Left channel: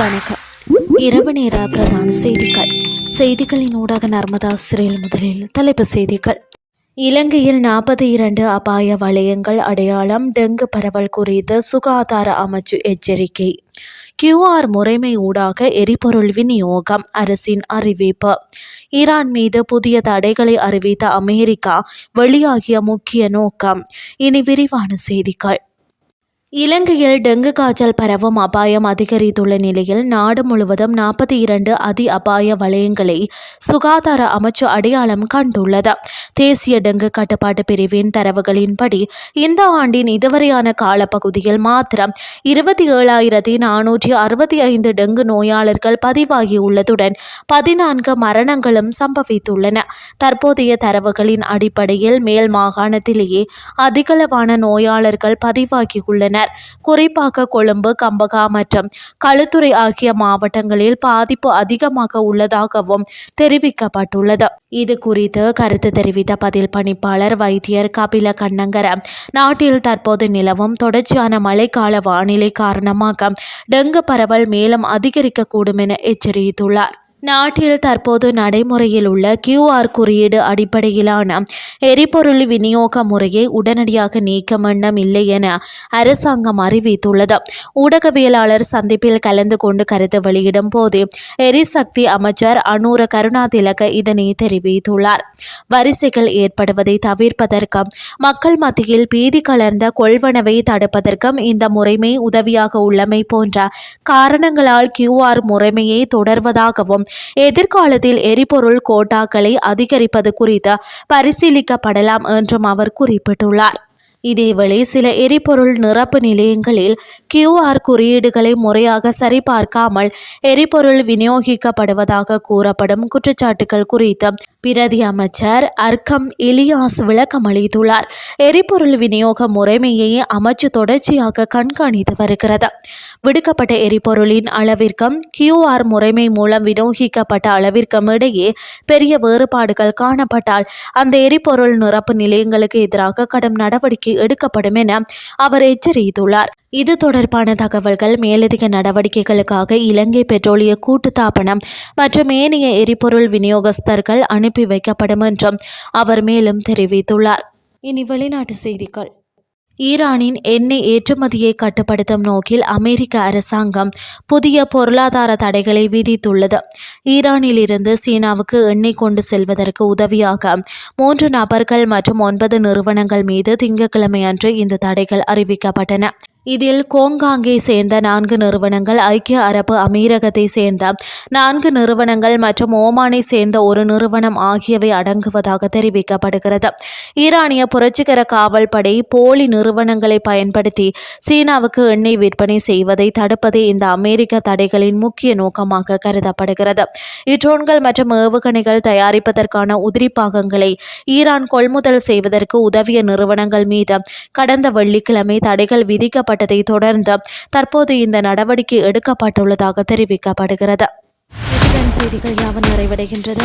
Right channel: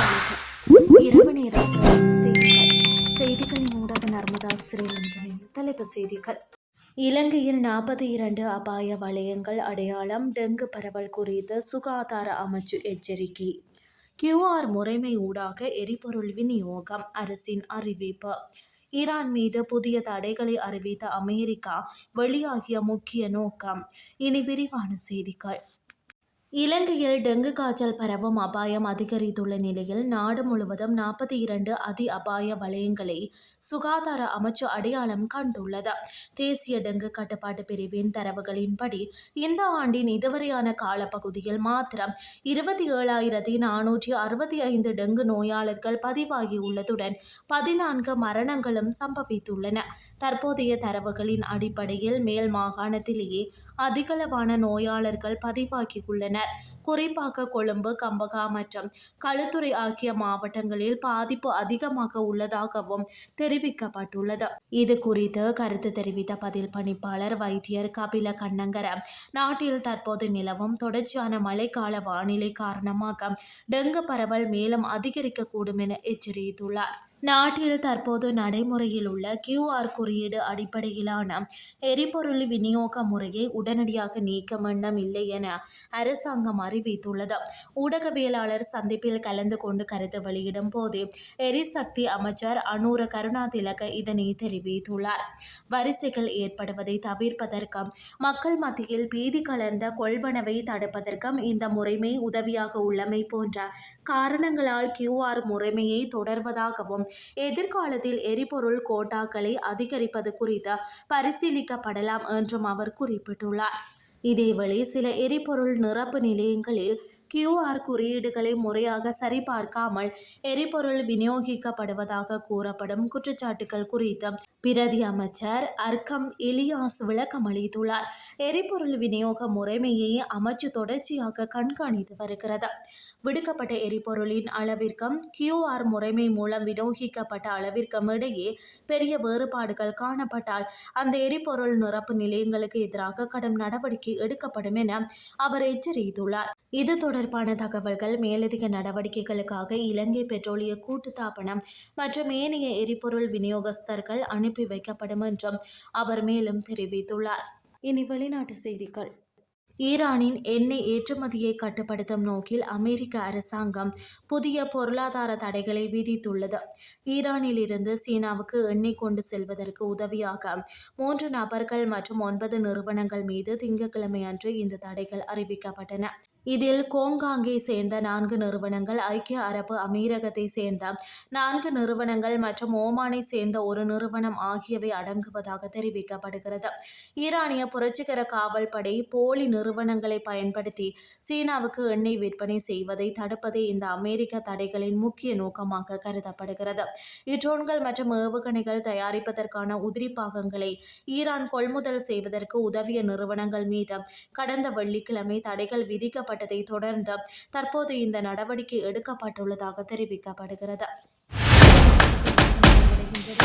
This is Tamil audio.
வணக்கம். இரவு நேர பிரதான செய்திகளின் ஊடாக நர்மதா சிறையில். முதலில் தலைப்புச் செய்திகள். இலங்கையில் 42 அபாய வலயங்கள் அடையாளம். டெங்கு பரவல் குறித்து சுகாதார அமைச்சு எச்சரிக்கை. QR முறைமை ஊடாக எரிபொருள் விநியோகம். அரசின் அறிவிப்பு. ஈரான் மீது புதிய தடைகளை அறிவித்த அமெரிக்கா வெளியாகிய முக்கிய நோக்கம். இனி விரிவான செய்திகள். இலங்கையில் டெங்கு காய்ச்சல் பரவும் அபாயம் அதிகரித்துள்ள நிலையில் நாடு முழுவதும் 42 அதி அபாய வலயங்களை சுகாதார அமைச்சு அடையாளம் கண்டுள்ளது. தேசிய டெங்கு கட்டுப்பாட்டு பிரிவின் தரவுகளின்படி இந்த ஆண்டின் இதுவரையான காலப்பகுதியில் மாத்திரம் 27,465 டெங்கு நோயாளர்கள் பதிவாகியுள்ளதுடன் 14 மரணங்களும் சம்பவித்துள்ளன. தற்போதைய தரவுகளின் அடிப்படையில் மேல் மாகாணத்திலேயே அதிகளவான நோயாளர்கள் பதிவாகியுள்ளனர். குறிப்பாக கொழும்பு, கம்பகா மற்றும் களுத்துறை ஆகிய மாவட்டங்களில் பாதிப்பு அதிகமாக உள்ளதாகவும் தெரிவிக்கப்பட்டுள்ளது. இது குறித்து கருத்து தெரிவித்த பதில் பணிப்பாளர் வைத்தியர் கபில கண்ணங்கர, நாட்டில் தற்போது நிலவும் தொடர்ச்சியான மழைக்கால வானிலை காரணமாக டெங்கு பரவல் மேலும் அதிகரிக்கக்கூடும் என எச்சரித்துள்ளார். நாட்டில் தற்போது நடைமுறையில் உள்ள QR குறியீடு அடிப்படையிலான எரிபொருள் விநியோக முறையை உடனடியாக நீக்க வேண்டும் இல்லை என அரசாங்கம் அறிவித்துள்ளது. ஊடகவியலாளர் சந்திப்பில் கலந்து கொண்டு கருத்து வெளியிடும் போது எரிசக்தி அமைச்சர் அனுர கருணாதிலக இதனை தெரிவித்துள்ளார். வரிசைகள் ஏற்படுவதை தவிர்ப்பதற்கும் மக்கள் மத்தியில் பீதி கலர்ந்த கொள்வனவை தடுப்பதற்கும் இந்த முறைமை உதவியாக உள்ளமை போன்ற காரணங்களால் QR முறைமையை தொடர்வதாகவும் எதிர்காலத்தில் எரிபொருள் கோட்டாக்களை அதிகரிப்பது குறித்து பரிசீலிக்கப்படலாம் என்றும் அவர் குறிப்பிட்டுள்ளார். இதேவேளை சில எரிபொருள் நிரப்பு நிலையங்களில் QR குறியீடுகளை முறையாக சரிபார்க்காமல் எரிபொருள் விநியோகிக்கப்படுவதாக கூறப்படும் குற்றச்சாட்டுகள் குறித்து பிரதி அமைச்சர் அர்க்கம் இலியாஸ் விளக்கம் அளித்துள்ளார். எரிபொருள் விநியோக முறைமையை அமைச்சு தொடர்ச்சியாக கண்காணித்து வருகிறது. விடுக்கப்பட்ட எரிபொருளின் அளவிற்கும் QR முறைமை மூலம் விநியோகிக்கப்பட்ட அளவிற்கும் இடையே பெரிய வேறுபாடுகள் காணப்பட்டால் அந்த எரிபொருள் நிரப்பு நிலையங்களுக்கு எதிராக கடும் நடவடிக்கை எடுக்கப்படும் என அவர் எச்சரித்துள்ளார். இது தொடர்பான தகவல்கள் மேலதிக நடவடிக்கைகளுக்காக இலங்கை பெட்ரோலிய கூட்டுத்தாபனம் மற்றும் ஏனைய எரிபொருள் விநியோகஸ்தர்கள் அனுப்பி வைக்கப்படும் என்றும் அவர் மேலும் தெரிவித்துள்ளார். இனி வெளிநாட்டு செய்திகள். ஈரானின் எண்ணெய் ஏற்றுமதியை கட்டுப்படுத்தும் நோக்கில் அமெரிக்க அரசாங்கம் புதிய பொருளாதார தடைகளை விதித்துள்ளது. ஈரானில் இருந்து சீனாவுக்கு எண்ணெய் கொண்டு செல்வதற்கு உதவியாக 3 நபர்கள் மற்றும் 9 நிறுவனங்கள் மீது திங்கட்கிழமை அன்று இந்த தடைகள் அறிவிக்கப்பட்டன. இதில் கோங்காங்கை சேர்ந்த 4 நிறுவனங்கள், ஐக்கிய அரபு அமீரகத்தை சேர்ந்த 4 நிறுவனங்கள் மற்றும் ஓமானை சேர்ந்த ஒரு நிறுவனம் ஆகியவை அடங்குவதாக தெரிவிக்கப்படுகிறது. ஈரானிய புரட்சிகர காவல் படை போலி நிறுவனங்களை பயன்படுத்தி சீனாவுக்கு எண்ணெய் விற்பனை செய்வதை தடுப்பதே இந்த அமெரிக்க தடைகளின் முக்கிய நோக்கமாக கருதப்படுகிறது. ட்ரோன்கள் மற்றும் ஏவுகணைகள் தயாரிப்பதற்கான உதிரி பாகங்களை ஈரான் கொள்முதல் செய்வதற்கு உதவிய நிறுவனங்கள் மீது கடந்த வெள்ளிக்கிழமை தடைகள் விதிக்கப்பட்டதை தொடர்ந்து தற்போது இந்த நடவடிக்கை எடுக்கப்பட்டுள்ளதாக தெரிவிக்கப்படுகிறது. செய்திகள் யாவும் நிறைவடைகின்றது.